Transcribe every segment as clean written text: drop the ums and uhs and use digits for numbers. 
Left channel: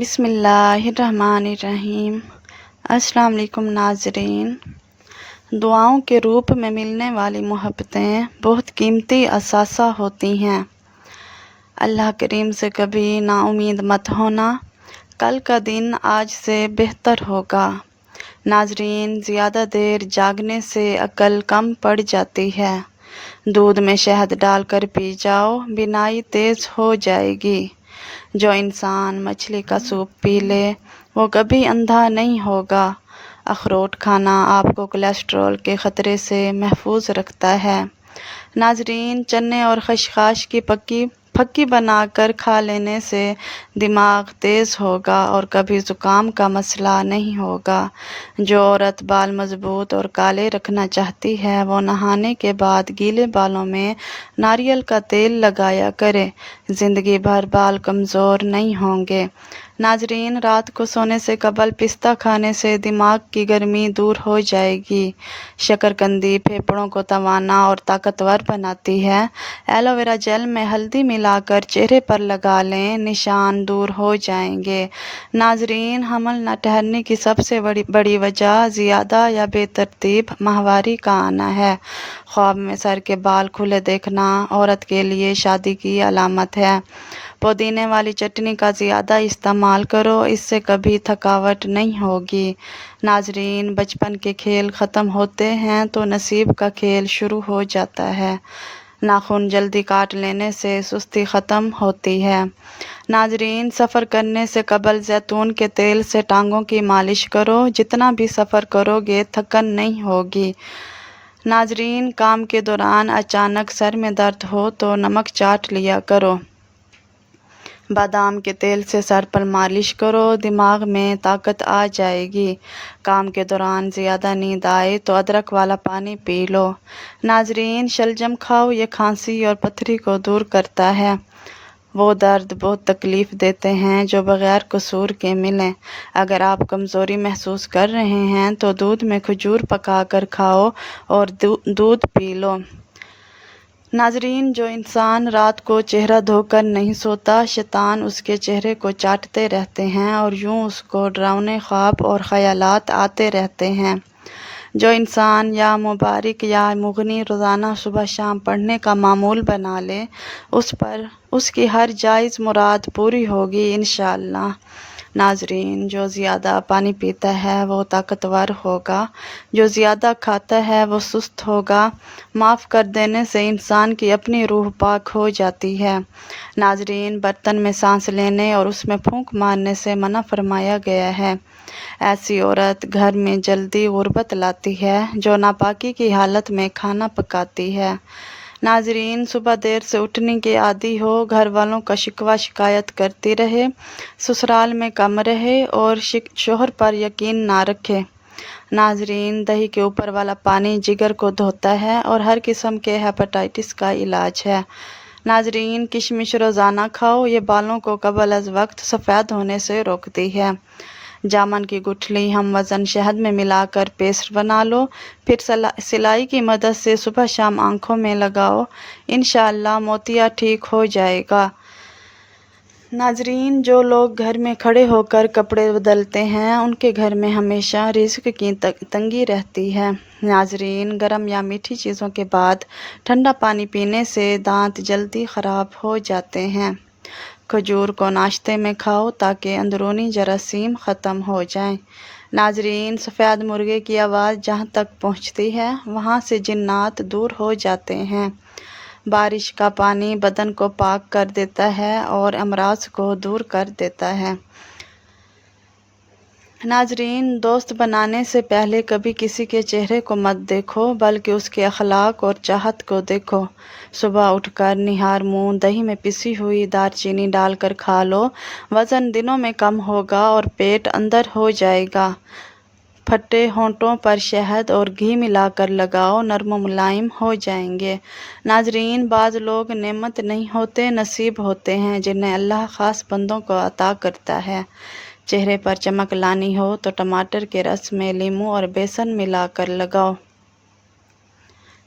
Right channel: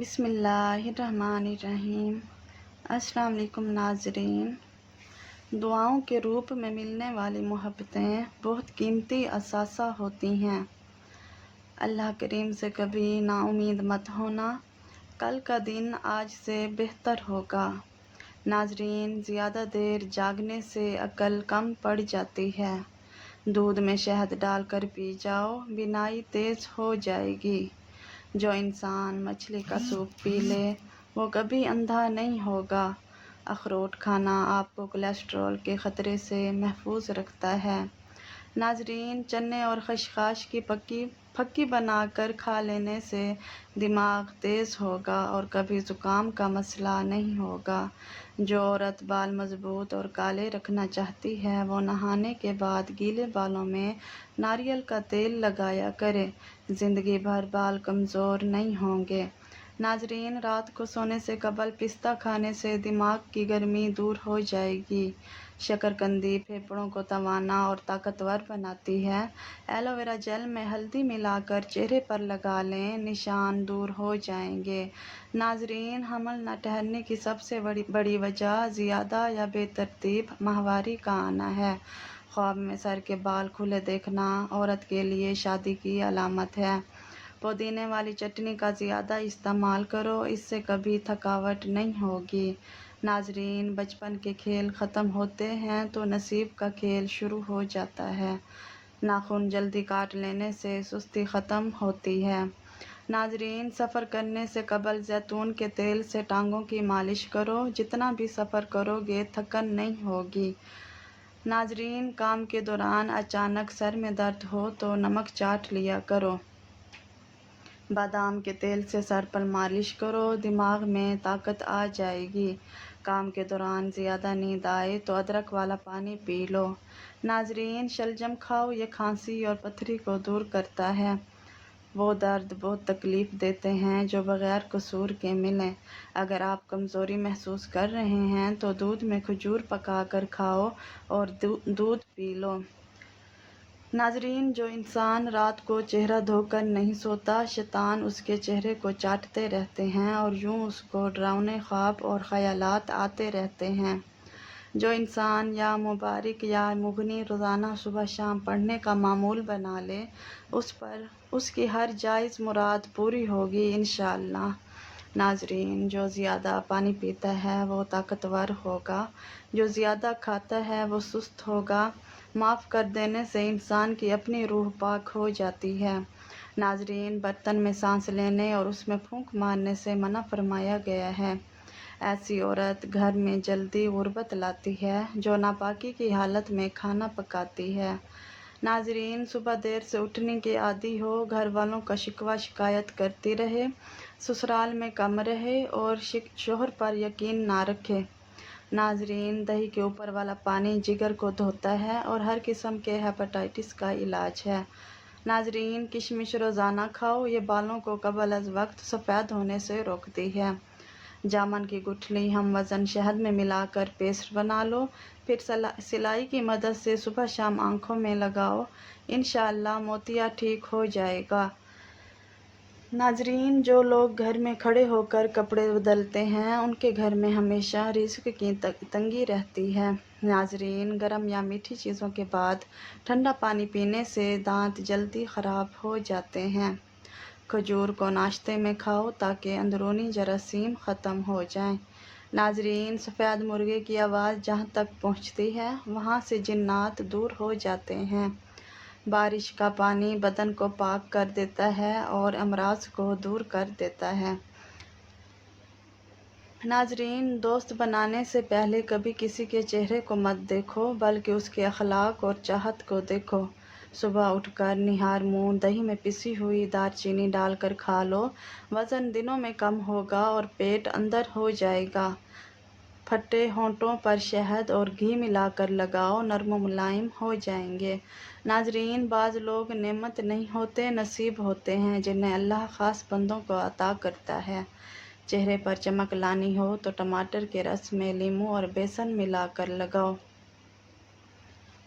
بسم اللہ الرحمن الرحیم۔ السلام علیکم ناظرین۔ دعاؤں کے روپ میں ملنے والی محبتیں بہت قیمتی اثاثہ ہوتی ہیں۔ اللہ کریم سے کبھی نا امید مت ہونا، کل کا دن آج سے بہتر ہوگا۔ ناظرین، زیادہ دیر جاگنے سے عقل کم پڑ جاتی ہے۔ دودھ میں شہد ڈال کر پی جاؤ، بینائی تیز ہو جائے گی۔ جو انسان مچھلی کا سوپ پی لے وہ کبھی اندھا نہیں ہوگا۔ اخروٹ کھانا آپ کو کولیسٹرول کے خطرے سے محفوظ رکھتا ہے۔ ناظرین، چنے اور خشخاش کی پھکی بنا کر کھا لینے سے دماغ تیز ہوگا اور کبھی زکام کا مسئلہ نہیں ہوگا۔ جو عورت بال مضبوط اور کالے رکھنا چاہتی ہے وہ نہانے کے بعد گیلے بالوں میں ناریل کا تیل لگایا کرے، زندگی بھر بال کمزور نہیں ہوں گے۔ ناظرین، رات کو سونے سے قبل پستہ کھانے سے دماغ کی گرمی دور ہو جائے گی۔ شکرقندی پھیپھڑوں کو توانا اور طاقتور بناتی ہے۔ ایلو ویرا جیل میں ہلدی ملا کر چہرے پر لگا لیں، نشان دور ہو جائیں گے۔ ناظرین، حمل نہ ٹھہرنے کی سب سے بڑی وجہ زیادہ یا بے ترتیب ماہواری کا آنا ہے۔ خواب میں سر کے بال کھلے دیکھنا عورت کے لیے شادی کی علامت ہے۔ پودینے والی چٹنی کا زیادہ استعمال کرو، اس سے کبھی تھکاوٹ نہیں ہوگی۔ ناظرین، بچپن کے کھیل ختم ہوتے ہیں تو نصیب کا کھیل شروع ہو جاتا ہے۔ ناخن جلدی کاٹ لینے سے سستی ختم ہوتی ہے۔ ناظرین، سفر کرنے سے قبل زیتون کے تیل سے ٹانگوں کی مالش کرو، جتنا بھی سفر کرو گے تھکن نہیں ہوگی۔ ناظرین، کام کے دوران اچانک سر میں درد ہو تو نمک چاٹ لیا کرو۔ بادام کے تیل سے سر پر مالش کرو، دماغ میں طاقت آ جائے گی۔ کام کے دوران زیادہ نیند آئے تو ادرک والا پانی پی لو۔ ناظرین، شلجم کھاؤ، یہ کھانسی اور پتھری کو دور کرتا ہے۔ وہ درد بہت تکلیف دیتے ہیں جو بغیر قصور کے ملیں۔ اگر آپ کمزوری محسوس کر رہے ہیں تو دودھ میں کھجور پکا کر کھاؤ اور دودھ پی لو۔ ناظرین، جو انسان رات کو چہرہ دھو کر نہیں سوتا، شیطان اس کے چہرے کو چاٹتے رہتے ہیں اور یوں اس کو ڈراؤنے خواب اور خیالات آتے رہتے ہیں۔ جو انسان یا مبارک یا مغنی روزانہ صبح شام پڑھنے کا معمول بنا لے، اس پر اس کی ہر جائز مراد پوری ہوگی انشاءاللہ۔ ناظرین، جو زیادہ پانی پیتا ہے وہ طاقتور ہوگا، جو زیادہ کھاتا ہے وہ سست ہوگا۔ معاف کر دینے سے انسان کی اپنی روح پاک ہو جاتی ہے۔ ناظرین، برتن میں سانس لینے اور اس میں پھونک مارنے سے منع فرمایا گیا ہے۔ ایسی عورت گھر میں جلدی غربت لاتی ہے جو ناپاکی کی حالت میں کھانا پکاتی ہے۔ ناظرین، صبح دیر سے اٹھنے کی عادی ہو، گھر والوں کا شکوہ شکایت کرتی رہے، سسرال میں کم رہے اور شوہر پر یقین نہ رکھے۔ ناظرین، دہی کے اوپر والا پانی جگر کو دھوتا ہے اور ہر قسم کے ہیپاٹائٹس کا علاج ہے۔ ناظرین، کشمش روزانہ کھاؤ، یہ بالوں کو قبل از وقت سفید ہونے سے روکتی ہے۔ جامن کی گٹھلی ہم وزن شہد میں ملا کر پیسٹ بنا لو، پھر سلائی کی مدد سے صبح شام آنکھوں میں لگاؤ، انشاءاللہ موتیا ٹھیک ہو جائے گا۔ ناظرین، جو لوگ گھر میں کھڑے ہو کر کپڑے بدلتے ہیں ان کے گھر میں ہمیشہ رزق کی تنگی رہتی ہے۔ ناظرین، گرم یا میٹھی چیزوں کے بعد ٹھنڈا پانی پینے سے دانت جلدی خراب ہو جاتے ہیں۔ کھجور کو ناشتے میں کھاؤ تاکہ اندرونی جراثیم ختم ہو جائیں۔ ناظرین، سفید مرغے کی آواز جہاں تک پہنچتی ہے وہاں سے جنات دور ہو جاتے ہیں۔ بارش کا پانی بدن کو پاک کر دیتا ہے اور امراض کو دور کر دیتا ہے۔ ناظرین، دوست بنانے سے پہلے کبھی کسی کے چہرے کو مت دیکھو بلکہ اس کے اخلاق اور چاہت کو دیکھو۔ صبح اٹھ کر نہار منہ دہی میں پسی ہوئی دار چینی ڈال کر کھا لو، وزن دنوں میں کم ہوگا اور پیٹ اندر ہو جائے گا۔ پھٹے ہونٹوں پر شہد اور گھی ملا کر لگاؤ، نرم و ملائم ہو جائیں گے۔ ناظرین، بعض لوگ نعمت نہیں ہوتے، نصیب ہوتے ہیں جنہیں اللہ خاص بندوں کو عطا کرتا ہے۔ چہرے پر چمک لانی ہو تو ٹماٹر کے رس میں لیموں اور بیسن ملا کر لگاؤ۔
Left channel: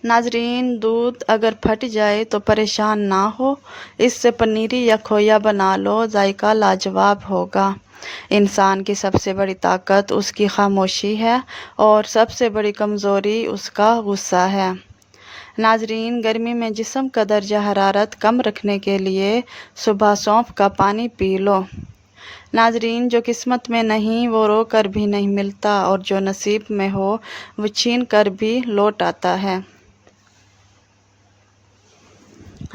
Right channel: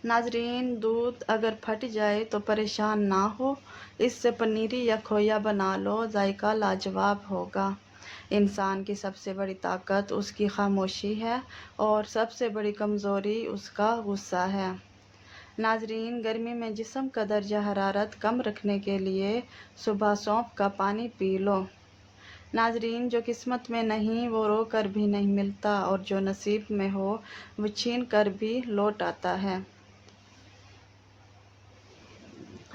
ناظرین، دودھ اگر پھٹ جائے تو پریشان نہ ہو، اس سے پنیری یا کھویا بنا لو، ذائقہ لاجواب ہوگا۔ انسان کی سب سے بڑی طاقت اس کی خاموشی ہے اور سب سے بڑی کمزوری اس کا غصہ ہے۔ ناظرین، گرمی میں جسم کا درجہ حرارت کم رکھنے کے لیے صبح سونف کا پانی پی لو۔ ناظرین، جو قسمت میں نہیں وہ رو کر بھی نہیں ملتا، اور جو نصیب میں ہو وہ چھین کر بھی لوٹ آتا ہے۔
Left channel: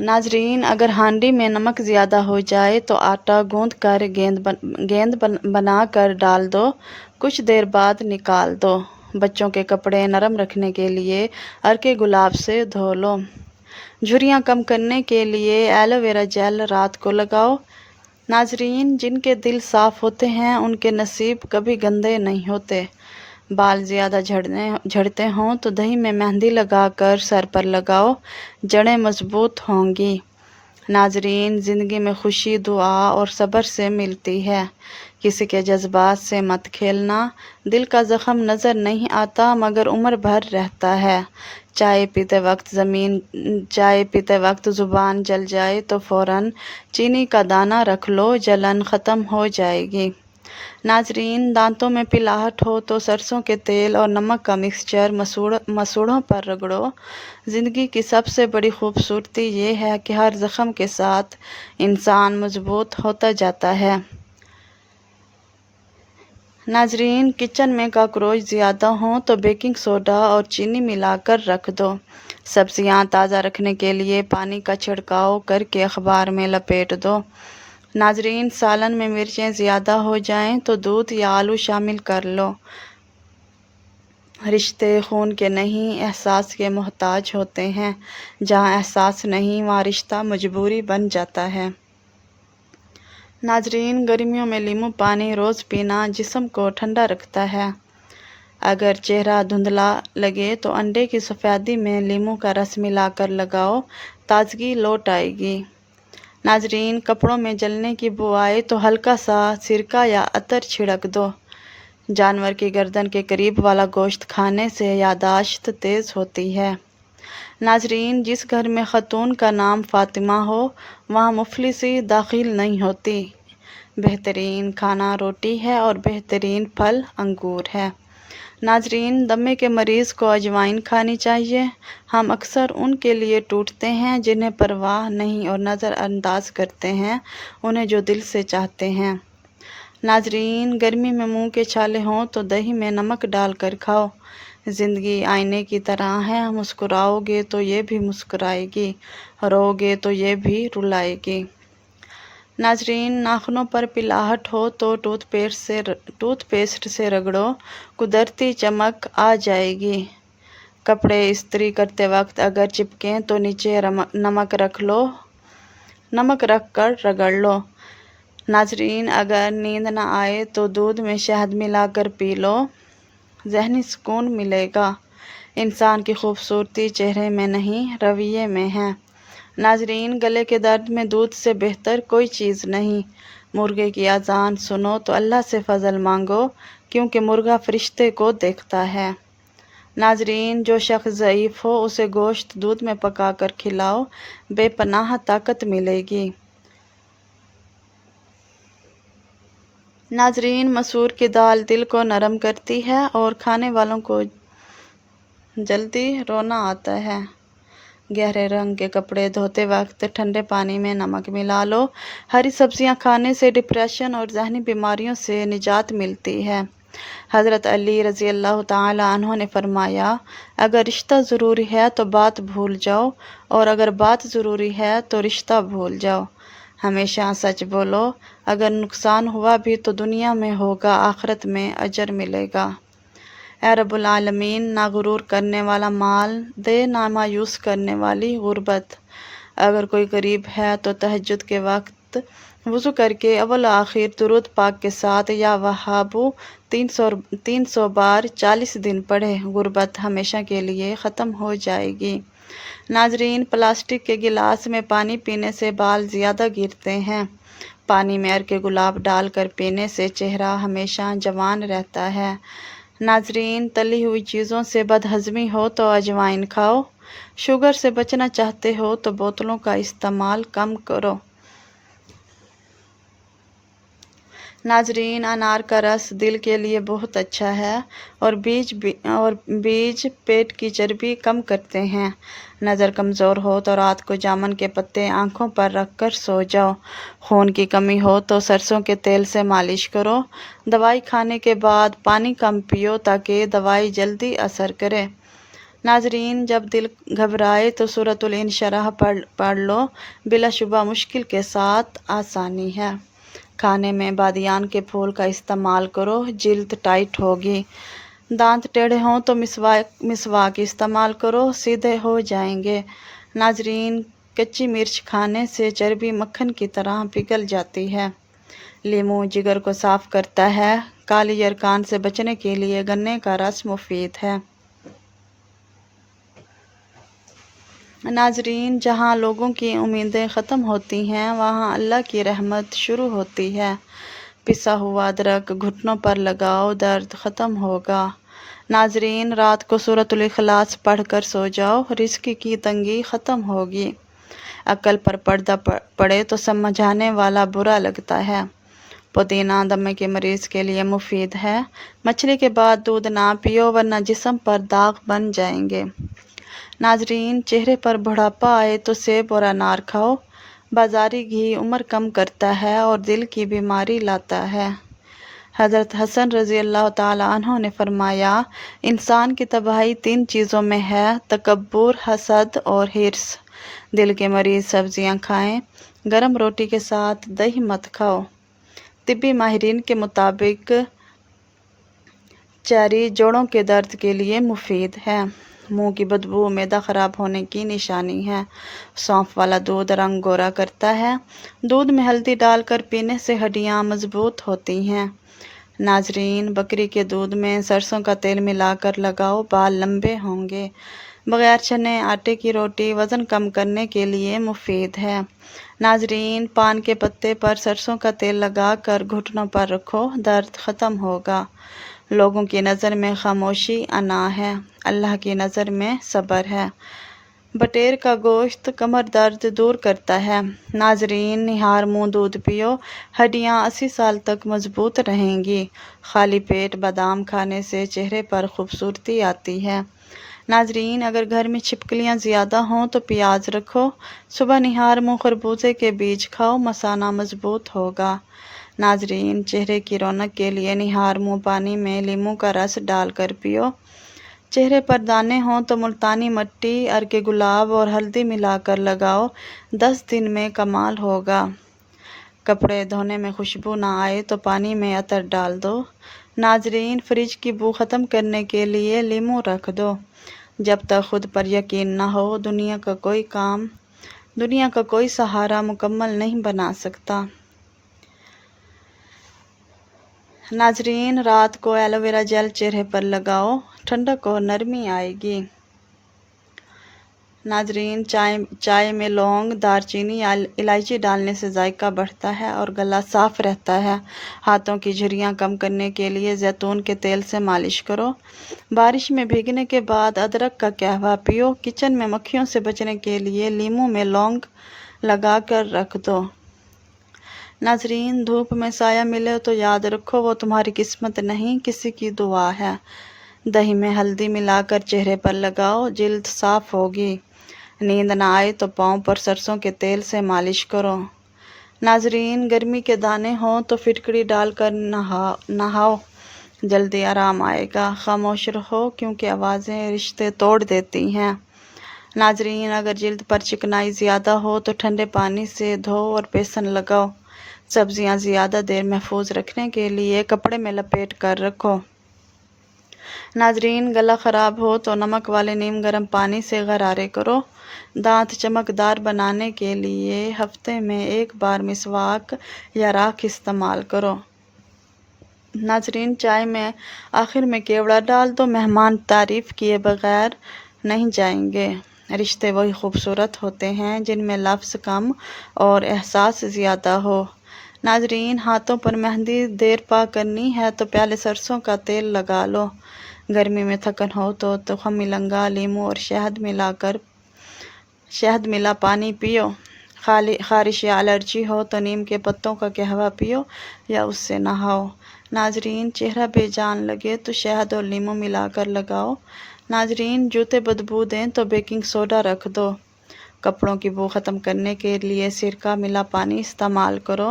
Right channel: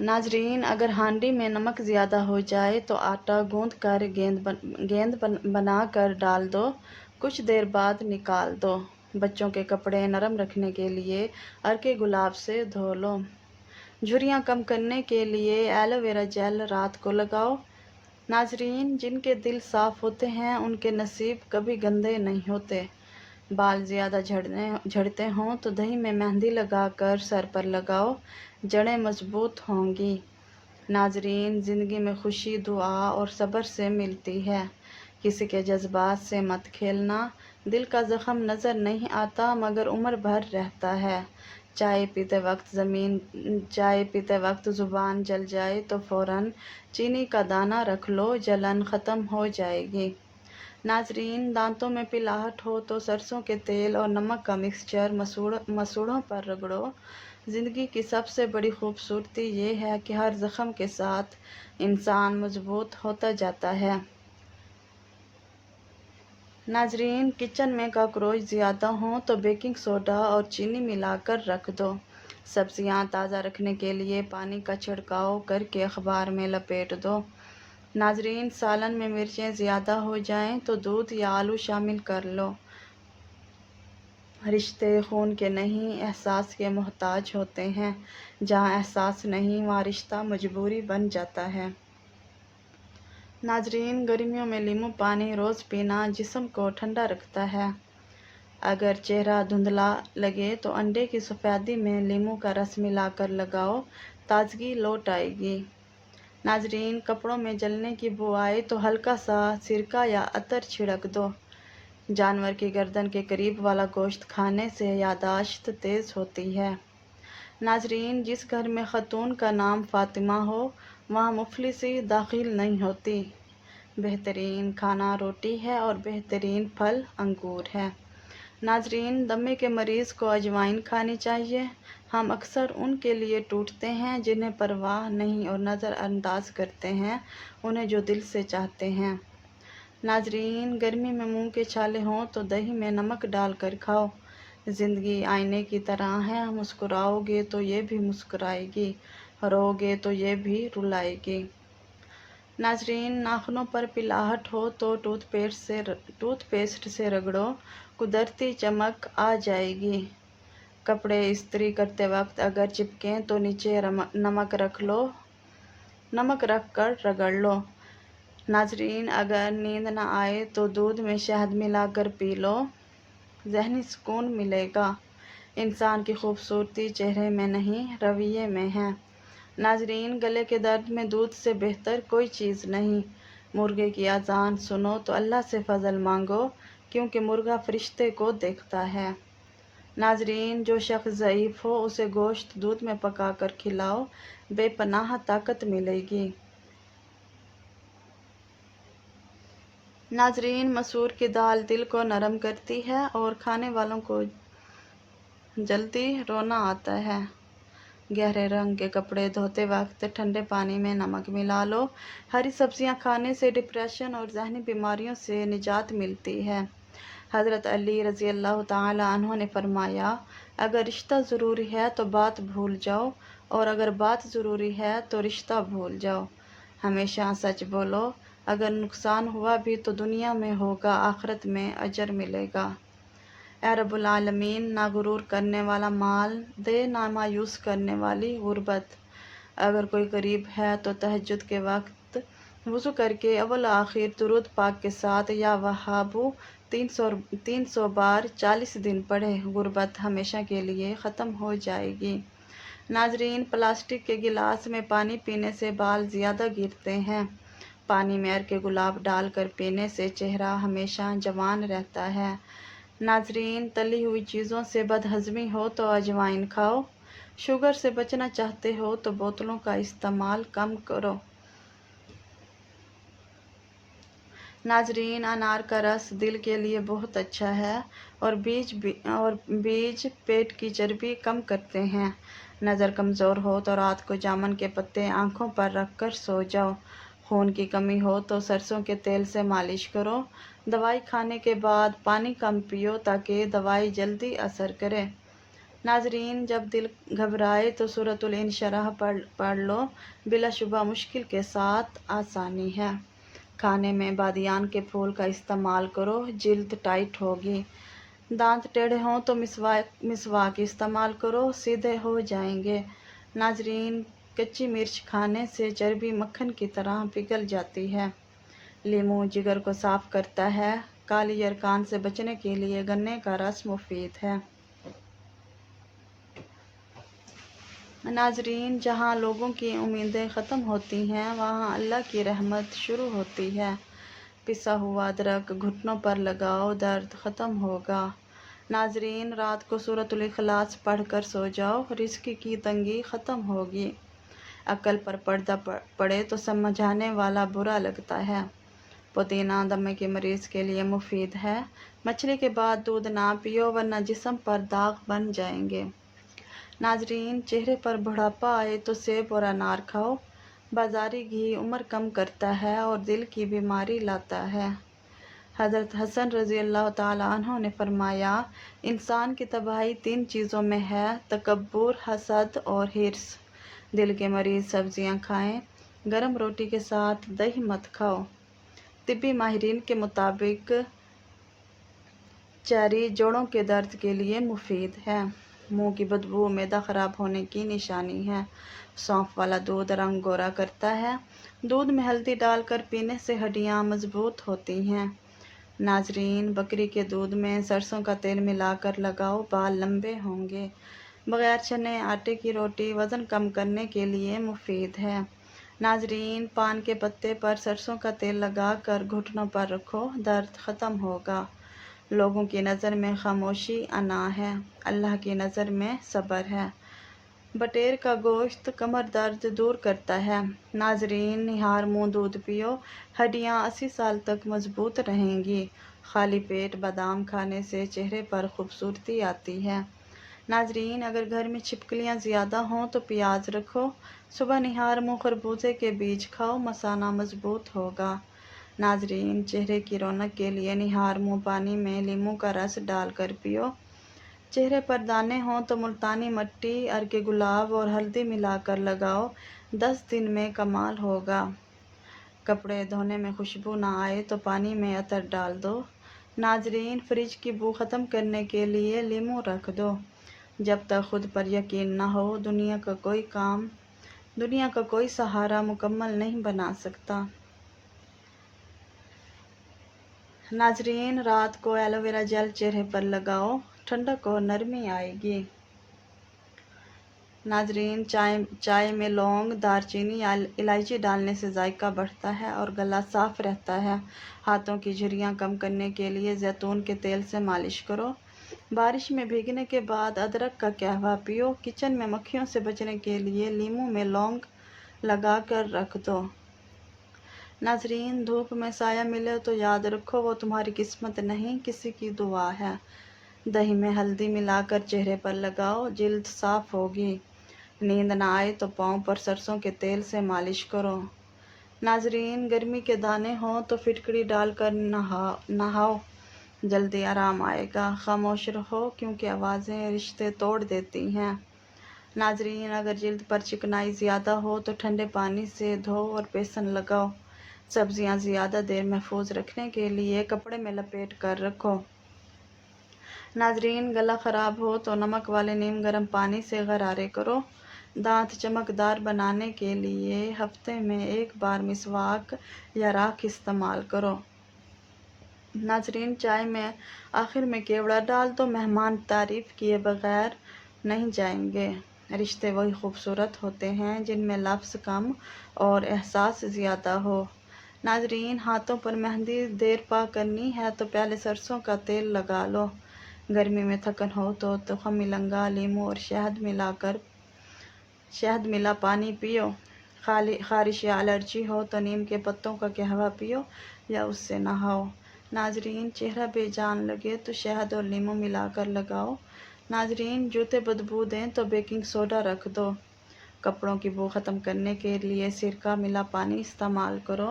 ناظرین، اگر ہانڈی میں نمک زیادہ ہو جائے تو آٹا گوندھ کر گیند بنا کر ڈال دو، کچھ دیر بعد نکال دو۔ بچوں کے کپڑے نرم رکھنے کے لیے عرق گلاب سے دھو لو۔ جھریاں کم کرنے کے لیے ایلو ویرا جیل رات کو لگاؤ۔ ناظرین، جن کے دل صاف ہوتے ہیں ان کے نصیب کبھی گندے نہیں ہوتے۔ بال زیادہ جھڑتے ہوں تو دہی میں مہندی لگا کر سر پر لگاؤ، جڑیں مضبوط ہوں گی۔ ناظرین، زندگی میں خوشی دعا اور صبر سے ملتی ہے۔ کسی کے جذبات سے مت کھیلنا۔ دل کا زخم نظر نہیں آتا مگر عمر بھر رہتا ہے۔ چائے پیتے وقت زبان جل جائے تو فوراً چینی کا دانہ رکھ لو، جلن ختم ہو جائے گی۔ ناظرین، دانتوں میں پلاہٹ ہو تو سرسوں کے تیل اور نمک کا مکسچر مسوڑھوں پر رگڑو۔ زندگی کی سب سے بڑی خوبصورتی یہ ہے کہ ہر زخم کے ساتھ انسان مضبوط ہوتا جاتا ہے۔ ناظرین، کچن میں کاکروچ زیادہ ہوں تو بیکنگ سوڈا اور چینی ملا کر رکھ دو۔ سبزیاں تازہ رکھنے کے لیے پانی کا چھڑکاؤ کر کے اخبار میں لپیٹ دو۔ ناظرین، سالن میں مرچیں زیادہ ہو جائیں تو دودھ یا آلو شامل کر لو۔ رشتے خون کے نہیں احساس کے محتاج ہوتے ہیں، جہاں احساس نہیں وہاں رشتہ مجبوری بن جاتا ہے۔ ناظرین، گرمیوں میں لیموں پانی روز پینا جسم کو ٹھنڈا رکھتا ہے۔ اگر چہرہ دھندلا لگے تو انڈے کی سفیدی میں لیموں کا رس ملا کر لگاؤ، تازگی لوٹ آئے گی۔ ناظرین، کپڑوں میں جلنے کی بو آئے تو ہلکا سا سرکہ یا عطر چھڑک دو۔ جانور کی گردن کے قریب والا گوشت کھانے سے یادداشت تیز ہوتی ہے۔ ناظرین، جس گھر میں خاتون کا نام فاطمہ ہو وہاں مفلسی داخل نہیں ہوتی۔ بہترین کھانا روٹی ہے اور بہترین پھل انگور ہے۔ ناظرین، دمے کے مریض کو اجوائن کھانی چاہیے۔ ہم اکثر ان کے لیے ٹوٹتے ہیں جنہیں پرواہ نہیں اور نظر انداز کرتے ہیں انہیں جو دل سے چاہتے ہیں۔ ناظرین، گرمی میں منہ کے چھالے ہوں تو دہی میں نمک ڈال کر کھاؤ۔ زندگی آئینے کی طرح ہے، مسکراؤ گے تو یہ بھی مسکرائے گی، رو گے تو یہ بھی رلائے گی۔ ناظرین، ناخنوں پر پلاہٹ ہو تو ٹوتھ پیسٹ سے رگڑو، قدرتی چمک آ جائے گی۔ کپڑے استری کرتے وقت اگر چپکیں تو نیچے نمک رکھ کر رگڑ لو۔ ناظرین، اگر نیند نہ آئے تو دودھ میں شہد ملا کر پی لو، ذہنی سکون ملے گا۔ انسان کی خوبصورتی چہرے میں نہیں رویے میں ہے۔ ناظرین، گلے کے درد میں دودھ سے بہتر کوئی چیز نہیں۔ مرغے کی اذان سنو تو اللہ سے فضل مانگو، کیونکہ مرغا فرشتے کو دیکھتا ہے۔ ناظرین، جو شخص ضعیف ہو اسے گوشت دودھ میں پکا کر کھلاؤ، بے پناہ طاقت ملے گی۔ ناظرین، مسور کی دال دل کو نرم کرتی ہے اور کھانے والوں کو جلدی رونا آتا ہے۔ گہرے رنگ کے کپڑے دھوتے وقت ٹھنڈے پانی میں نمک ملا لو۔ ہری سبزیاں کھانے سے ڈپریشن اور ذہنی بیماریوں سے نجات ملتی ہے۔ حضرت علی رضی اللہ تعالی عنہ نے فرمایا، اگر رشتہ ضروری ہے تو بات بھول جاؤ، اور اگر بات ضروری ہے تو رشتہ بھول جاؤ۔ ہمیشہ سچ بولو، اگر نقصان ہوا بھی تو دنیا میں ہوگا، آخرت میں اجر ملے گا۔ اے رب العالمین، نہ غرور کرنے والا مال دے، نہ مایوس کرنے والی غربت۔ اگر کوئی غریب ہے تو تہجد کے وقت وضو کر کے اول و آخر درود پاک کے ساتھ یا وہابو 300 بار 40 دن پڑھے، غربت ہمیشہ کے لیے ختم ہو جائے گی۔ ناظرین، پلاسٹک کے گلاس میں پانی پینے سے بال زیادہ گرتے ہیں۔ پانی میں عرق گلاب ڈال کر پینے سے چہرہ ہمیشہ جوان رہتا ہے۔ ناظرین، تلی ہوئی چیزوں سے بدہضمی ہو تو اجوائن کھاؤ۔ شوگر سے بچنا چاہتے ہو تو بوتلوں کا استعمال کم کرو۔ ناظرین، انار کا رس دل کے لیے بہت اچھا ہے اور بیج پیٹ کی چربی کم کرتے ہیں۔ نظر کمزور ہو تو رات کو جامن کے پتے آنکھوں پر رکھ کر سو جاؤ۔ خون کی کمی ہو تو سرسوں کے تیل سے مالش کرو۔ دوائی کھانے کے بعد پانی کم پیو تاکہ دوائی جلدی اثر کرے۔ ناظرین، جب دل گھبرائے تو سورۃ الانشراح پڑھ لو، بلا شبہ مشکل کے ساتھ آسانی ہے۔ کھانے میں بادیان کے پھول کا استعمال کرو، جلد ٹائٹ ہوگی۔ دانت ٹیڑھے ہوں تو مسواک استعمال کرو، سیدھے ہو جائیں گے۔ ناظرین، کچی مرچ کھانے سے چربی مکھن کی طرح پگھل جاتی ہے۔ لیمو جگر کو صاف کرتا ہے۔ کالی یرقان سے بچنے کے لیے گنے کا رس مفید ہے۔ ناظرین، جہاں لوگوں کی امیدیں ختم ہوتی ہیں وہاں اللہ کی رحمت شروع ہوتی ہے۔ پسا ہوا ادرک گھٹنوں پر لگاؤ، درد ختم ہوگا۔ ناظرین، رات کو سورۃ الاخلاص پڑھ کر سو جاؤ، رزق کی تنگی ختم ہوگی۔ عقل پر پردہ پڑے تو سمجھانے والا برا لگتا ہے۔ پودینہ دمے کے مریض کے لیے مفید ہے۔ مچھلی کے بعد دودھ نہ پیو ورنہ جسم پر داغ بن جائیں گے۔ ناظرین، چہرے پر بڑھاپا آئے تو سیب اور انار کھاؤ۔ بازاری گھی عمر کم کرتا ہے اور دل کی بیماری لاتا ہے۔ حضرت حسن رضی اللہ تعالیٰ عنہ نے فرمایا، انسان کی تباہی 3 چیزوں میں ہے: تکبر، حسد اور حرص۔ دل کے مریض سبزیاں کھائیں، گرم روٹی کے ساتھ دہی مت کھاؤ۔ طبی ماہرین کے مطابق چیری جوڑوں کے درد کے لیے مفید ہے۔ منہ کی بدبو معدہ خراب ہونے کی نشانی ہے۔ سونف والا دودھ رنگ گورا کرتا ہے۔ دودھ میں ہلدی ڈال کر پینے سے ہڈیاں مضبوط ہوتی ہیں۔ ناظرین، بکری کے دودھ میں سرسوں کا تیل ملا کر لگاؤ، بال لمبے ہوں گے۔ بغیر چنے آٹے کی روٹی وزن کم کرنے کے لیے مفید ہے۔ ناظرین، پان کے پتے پر سرسوں کا تیل لگا کر گھٹنوں پر رکھو، درد ختم ہوگا۔ لوگوں کی نظر میں خاموشی انا ہے، اللہ کی نظر میں صبر ہے۔ بٹیر کا گوشت کمر درد دور کرتا ہے۔ ناظرین، نہار منہ دودھ پیو، ہڈیاں 80 سال تک مضبوط رہیں گی۔ خالی پیٹ بادام کھانے سے چہرے پر خوبصورتی آتی ہے۔ ناظرین، اگر گھر میں چھپکلیاں زیادہ ہوں تو پیاز رکھو۔ صبح نہار منہ خربوزے کے بیج کھاؤ، مثانہ مضبوط ہوگا۔ ناظرین، چہرے کی رونق کے لیے نہار منہ پانی میں لیموں کا رس ڈال کر پیو۔ چہرے پر دانے ہوں تو ملتانی مٹی، ارگ گلاب اور ہلدی ملا کر لگاؤ، 10 دن میں کمال ہوگا۔ کپڑے دھونے میں خوشبو نہ آئے تو پانی میں عطر ڈال دو۔ ناظرین، فریج کی بو ختم کرنے کے لیے لیموں رکھ دو۔ جب تک خود پر یقین نہ ہو، دنیا کا کوئی سہارا مکمل نہیں بنا سکتا۔ ناظرین، رات کو ایلو ویرا جیل چہرے پر لگاؤ، ٹھنڈک اور نرمی آئے گی۔ ناظرین، چائے میں لونگ، دار چینی یا الائچی ڈالنے سے ذائقہ بڑھتا ہے اور گلا صاف رہتا ہے۔ ہاتھوں کی جھریاں کم کرنے کے لیے زیتون کے تیل سے مالش کرو۔ بارش میں بھیگنے کے بعد ادرک کا قہوہ پیو۔ کچن میں مکھیوں سے بچنے کے لیے لیموں میں لونگ لگا کر رکھ دو۔ ناظرین، دھوپ میں سایہ ملے تو یاد رکھو وہ تمہاری قسمت نہیں، کسی کی دعا ہے۔ دہی میں ہلدی ملا کر چہرے پر لگاؤ، جلد صاف ہوگی۔ نیند نہ آئے تو پاؤں پر سرسوں کے تیل سے مالش کرو۔ ناظرین، گرمی کے دانے ہوں تو فٹکری ڈال کر نہاؤ، جلدی آرام آئے گا۔ خاموش رہو کیونکہ آوازیں رشتے توڑ دیتی ہیں۔ ناظرین، اگر جلد پر چکنائی زیادہ ہو تو ٹھنڈے پانی سے دھو اور بیسن لگاؤ۔ سبزیاں زیادہ دیر محفوظ رکھنے کے لیے کپڑے میں لپیٹ کر رکھو۔ ناظرین، گلا خراب ہو تو نمک والے نیم گرم پانی سے غرارے کرو۔ دانت چمکدار بنانے کے لیے ہفتے میں 1 بار مسواک یا راکھ استعمال کرو۔ ناظرین، چائے میں آخر میں کیوڑا ڈال دو، مہمان تعریف کیے بغیر نہیں جائیں گے۔ رشتے وہی خوبصورت ہوتے ہیں جن میں لفظ کم اور احساس زیادہ ہو۔ ناظرین، ہاتھوں پر مہندی دیر پا کرنی ہے تو پیالے سرسوں کا تیل لگا لو۔ گرمی میں تھکن ہو تو تخم ملنگا، لیموں اور شہد ملا پانی پیو۔ خارش یا الرجی ہو تو نیم کے پتوں کا قہوہ پیو یا اس سے نہاؤ۔ ناظرین، چہرہ بے جان لگے تو شہد اور لیموں ملا کر لگاؤ۔ ناظرین، جوتے بدبو دیں تو بیکنگ سوڈا رکھ دو۔ کپڑوں کی بو ختم کرنے کے لیے سرکہ ملا پانی استعمال کرو۔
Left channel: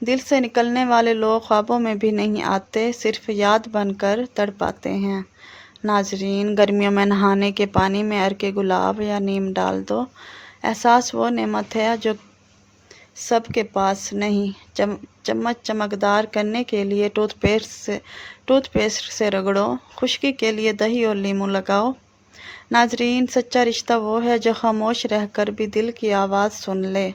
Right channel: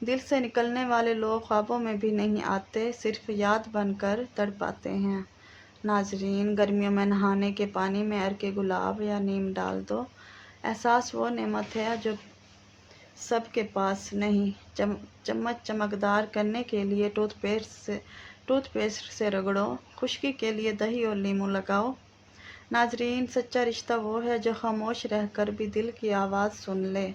دل سے نکلنے والے لوگ خوابوں میں بھی نہیں آتے، صرف یاد بن کر تڑپاتے ہیں۔ ناظرین، گرمیوں میں نہانے کے پانی میں عرق گلاب یا نیم ڈال دو۔ احساس وہ نعمت ہے جو سب کے پاس نہیں۔ چمچ چمکدار کرنے کے لیے ٹوتھ پیسٹ سے رگڑو۔ خشکی کے لیے دہی اور لیموں لگاؤ۔ ناظرین، سچا رشتہ وہ ہے جو خاموش رہ کر بھی دل کی آواز سن لے۔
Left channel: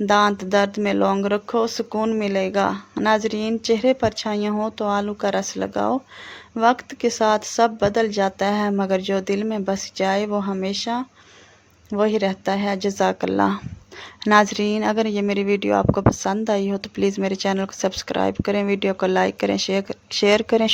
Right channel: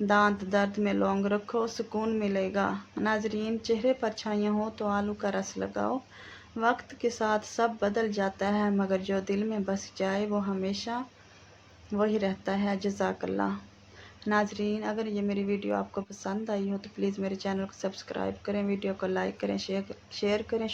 دانت درد میں لونگ رکھو، سکون ملے گا۔ ناظرین، چہرے پر چھائیاں ہوں تو آلو کا رس لگاؤ۔ وقت کے ساتھ سب بدل جاتا ہے مگر جو دل میں بس جائے وہ ہمیشہ وہی رہتا ہے۔ جزاک اللہ۔ ناظرین، اگر یہ میری ویڈیو آپ کو پسند آئی ہو تو پلیز میرے چینل کو سبسکرائب کریں، ویڈیو کو لائک کریں، شیئر کریں۔